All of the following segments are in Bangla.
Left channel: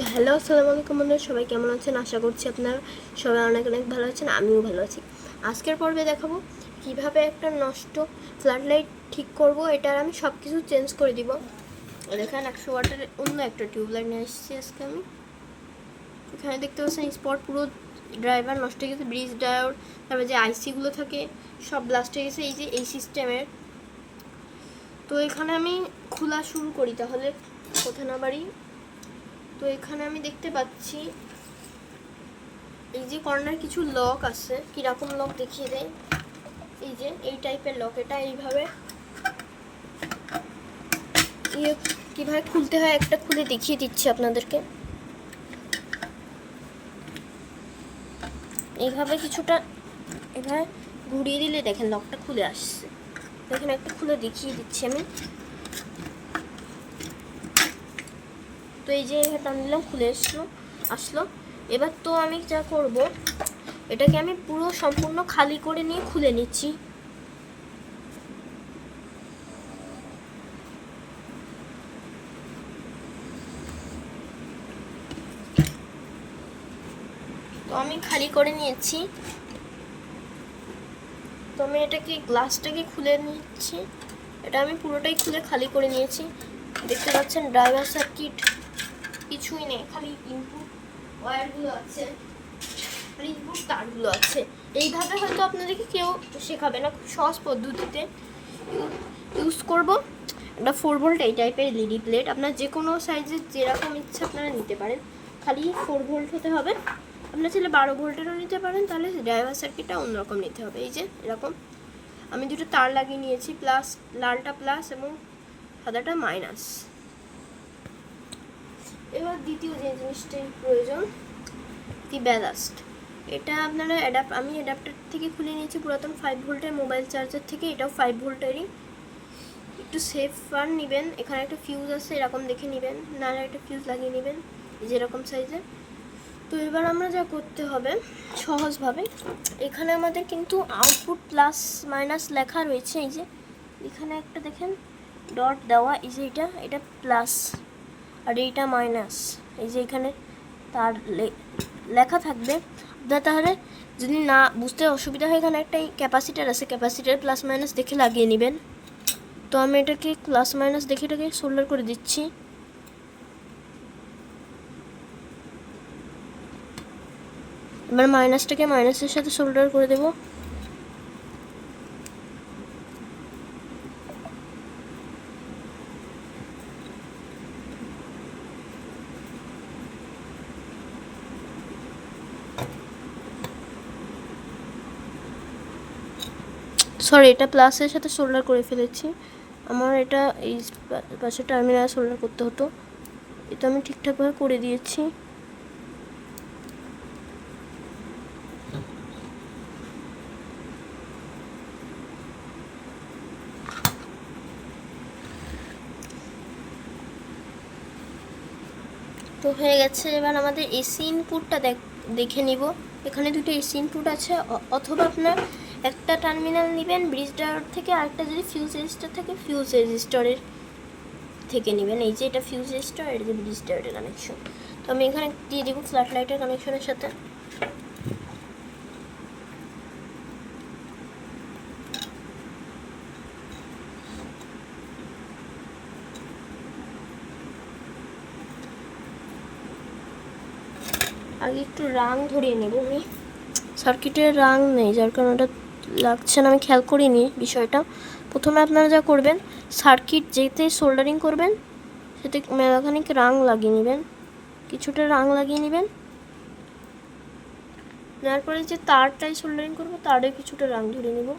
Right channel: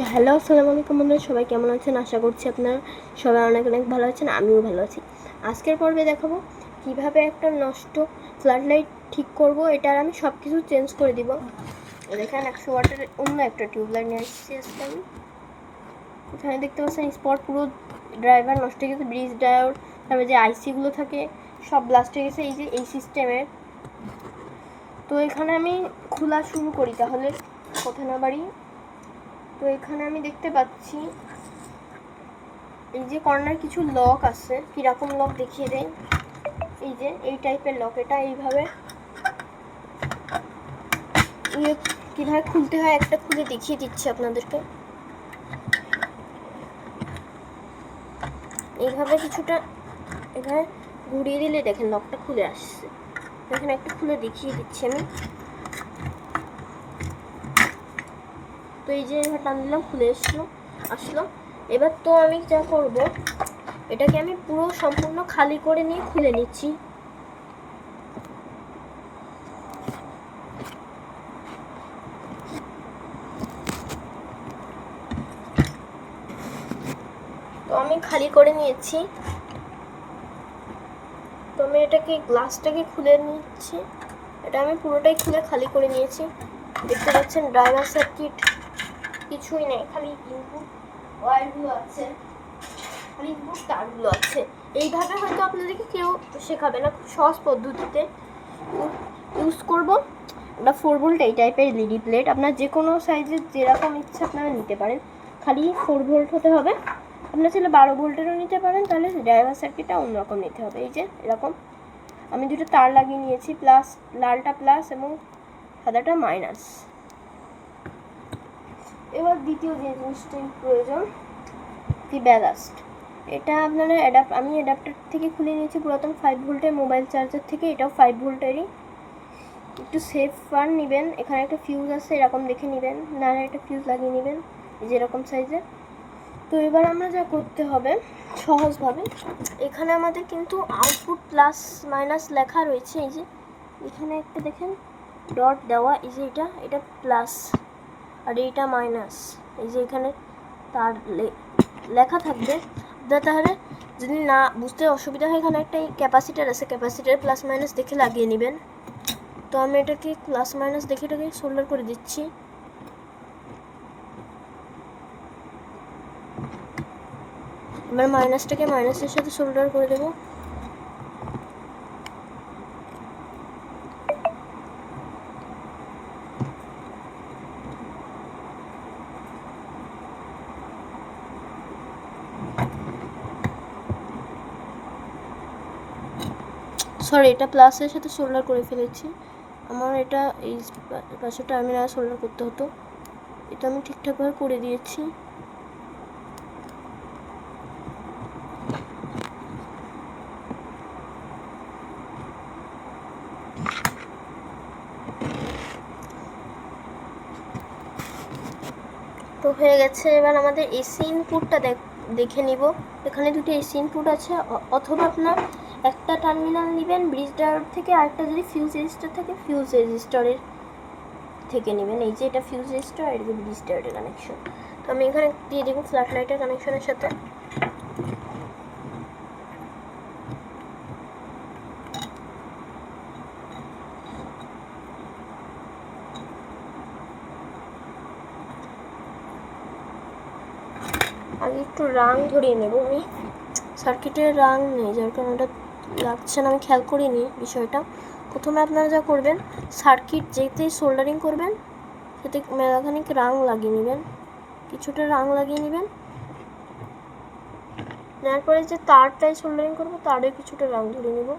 তো হ্যালো, আসসালামু আলাইকুম বন্ধুরা, সবাই কেমন আছেন? আশা করছি আপনারা সবাই অনেক অনেক ভালো আছেন, আমিও ভালো আছি। আজকের পর্বে দেখাবো কীভাবে একটা নষ্ট ফ্লাড লাইট ঠিক করব এটার আমি সব কিছু চেঞ্জ করে দিব। দেখেন, একশো ওয়াটের অন্য একটা টিউবলাইট নিয়ে এসেছি আজকে আমি। এখানে দেখতে পাচ্ছেন, স্পট পুরো ড্রাইভার নষ্ট হয়ে গেছে, ব্রিজ ডায়োড, তারপরে যে আইসিগুলো থাকে, সব ব্লাস্ট হয়ে গেছে, এই যে এই সিস্টেমের তো এখানে আমি খোলা শুরু করি, তাহলে কথা না বাড়ি তো এখানে আমি দেখতে পাচ্ছি এই যে কর্নার কিছু লক আছে। কীরকম লক দেখিয়ে দেয় এই যে, এই টাইপের লক। এটা এইভাবে ইয়ে কীভাবে খুলতে হয় একটা খুলে দেখিয়ে দিচ্ছি আপনাদেরকে। এইভাবে কিছুটা, এভাবে ঘুরিয়ে দিলে দেখেন লকটা খুলে আসছে। দেখেন একটা খুলে দেখিয়ে দিচ্ছি আমি। তো এই যে টান দিলাম, খুলে এসলো, আসলো। এবার তো আমি যা করব, এটাকে আমি পুরো সম্পূর্ণ খালি করে নিয়ে খুলে নিচ্ছি। তো আমি খালি করে নিয়েছি। তো আমি এটাকে, গ্লাসটাকে খুলে নিচ্ছি। এটা আমি পুরোটাই খুলে খালি করে নিয়েছি। দেখতে পাচ্ছেন, ড্রাইভার সার্কিট। কিছুই নেই। খালি ইনপুট ওয়্যারগুলো আছে। খালি ইনপুট তারগুলো আছে। এইভাবে হয়তো আপনাদেরকে কেউ শেখাবে না। খুব সহজ পদ্ধতিতে ইউজ করব। একটা ফোর ভোল্ট এই টাইপের এলইডি প্লেট আপনার যে কোনো সাইজের যেরকম ইচ্ছা আপনারা নিতে পারেন। খালি ফোর ভোল্ট হতে হবে। আপনার ছেলে বারো ভোল্টেরও নিতে পারেন। তাহলে ড্রাইভার সার্কিটটা অন্যরকম নিতে হবে। এই যে, এরকম। আমি দুটো তার লাগিয়ে নিয়েছি। প্লাস লালটা প্লাস এবং সাদাটা মাইনাস এবার দ্বিতীয় যে জিনিসটাই প্রয়োজন দি ব্যালাস্ট এটা আপনারা অ্যাডাপ আমি অ্যাডাপ্টার থেকে খুলে নিয়েছি, পুরাতন ফাইভ ভোল্টের মোবাইল চার্জার থেকে, এটাও ফাইভ ভোল্টেরই। একটু সেফ ফার নেবেন, এখানে একটা ফিউজ আছে, এরকম দেখে নেবেন নাহলে একটা ফিউজ লাগিয়ে নেবেন, এই যে এরকম সাইজের তো এবার আমরা যা করতে হবে, সহজভাবে, এখানে আমাদের কিন্তু আউটপুট প্লাস মাইনাস লেখা রয়েছে, এই যে, এখানে একটা দেখেন ডট দেওয়া, এই যে এটা এটা প্লাস আর এইটা মাইনাস এই যে এখানে তার লেখা থাকবে আপনার তাহলে যদি না বুঝতে অসুবিধা হয়, এখানে একটা ক্যাপাসিটার আছে ক্যাপাসিটার প্লাস মাইনাস দেখে লাগিয়ে নেবেন। তো আমি এটাকে প্লাস মাইনাস দেখে এটাকে সোল্ডার করে দিচ্ছি। এবার মাইনাসটাকে মাইনাসের সাথে সোল্ডার করে দেবো। সরি এটা প্লাসের সাথে সোল্ডার করে ফেলেছি। আমার এটা এই পাশে টার্মিনাল সোল্ডার করতে হতো। এটা আমি ঠিকঠাকভাবে করে দিয়েছি। তো হয়ে গেছে, এবার আমাদের এসি ইনপুটটা দেখে নিব। এখানে দুটো এসি ইনপুট আছে অথবা আপনার একটা টার্মিনাল নেবেন ব্রিজ ডায়োড থেকে, আরেকটা যদি ফিউজ রেজিস্টার থাকে ফিউজ রেজিস্টারের থেকে নেবেন। এই যে এটা ফিউজ রেজিস্টার আর যে ব্রিজ ডায়োডের কানেকশন তো আমি এখানে দিয়ে দিব ফ্ল্যাট লাইটের কানেকশনের সাথে। আগে একটু রাং ধরিয়ে নেব আমি। সার্কিটের রাং নেই, যার কারণে ওটা লাগছে না, আমি খেয়াল করিনি বিষয়টা। প্রথমে আপনারা যা করবেন সার্কিট যেতেই সোল্ডারিং করবেন, সেতে মেলাখানিক রাং লাগিয়ে নেবেন, কিছুটা রাং লাগিয়ে নেবেন। নেওয়ার পরে যে তারটায় সোল্ডারিং করব, তারে কিছুটা রাং ধরে নেব।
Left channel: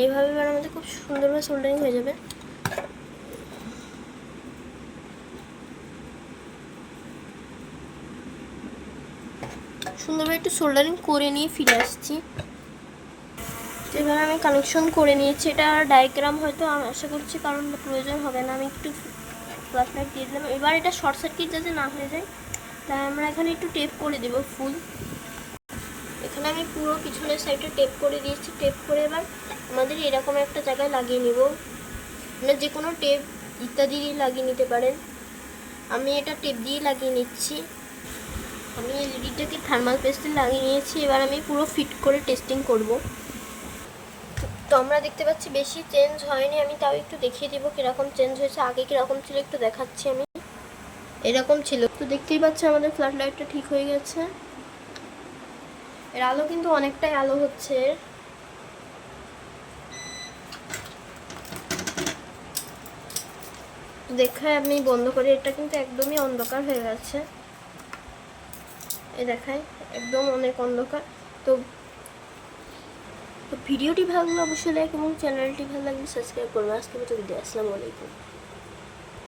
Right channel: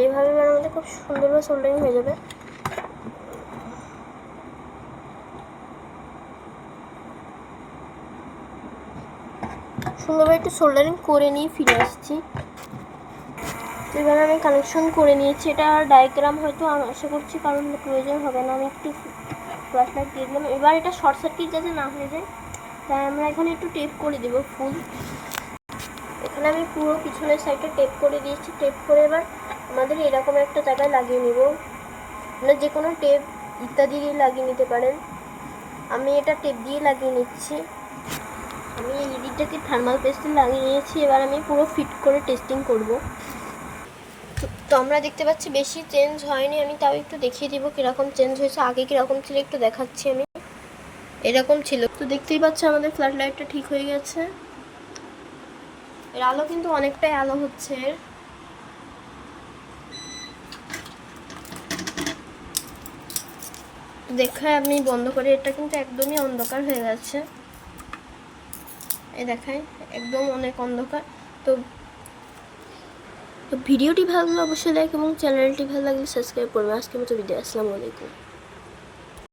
এইভাবে এবার আমাদের খুব সুন্দরভাবে সোল্ডারিং হয়ে যাবে। সুন্দরভাবে একটু সোল্ডারিং করে নিয়ে ফিরে আসছি। এবার আমি কানেকশন করে নিয়েছি, এটা ডায়াগ্রাম হয়তো আমি আশা করছি কারণ প্রয়োজন হবে না। আমি একটু ফ্ল্যাশ লাইট দিয়ে দিলাম। এবার এটা শর্ট সার্কিট যাতে না হয়ে যায় তাই আমরা এখানে একটু টেপ করে দেব ফুল এখানে আমি পুরো পিছনের সাইডটা টেপ করে দিয়েছি। টেপ করে এবার আমাদের এরকম একটা জায়গায় লাগিয়ে নেব। আমরা যে কোনো টেপ ইত্যাদি দিয়ে লাগিয়ে নিতে পারেন। আমি এটা টেপ দিয়ে লাগিয়ে নিচ্ছি। আমি এলইডিটাকে থার্মাল পেস্টে লাগিয়ে নিয়েছি, এবার আমি পুরো ফিট করে টেস্টিং করব। তো আমরা দেখতে পাচ্ছি বেশি চেঞ্জ হয়নি, আমি তাও একটু দেখিয়ে দিব কীরকম চেঞ্জ হয়েছে, আগে কীরকম ছিল একটু দেখাচ্ছি আমি। এরকম ছিল। তো দেখতেই পাচ্ছি আমাদের ফ্ল্যাট লাইটটা ঠিক হয়ে গেছে। এর আলো কিন্তু অনেকটাই আলো হচ্ছে। দেখায় আমি বন্ধ করে, এটা কিন্তু একদমই অন্ধকার হয়ে গেছে। এ দেখায়, একদম অনেক অন্ধকার। তো তো ভিডিওটি ভালো লাগলে অবশ্যই লাইক এবং চ্যানেলটি ভালো লাগলে সাবস্ক্রাইব করবে। আজকে মতো ভিডিও আসসালামু আলাইকুম।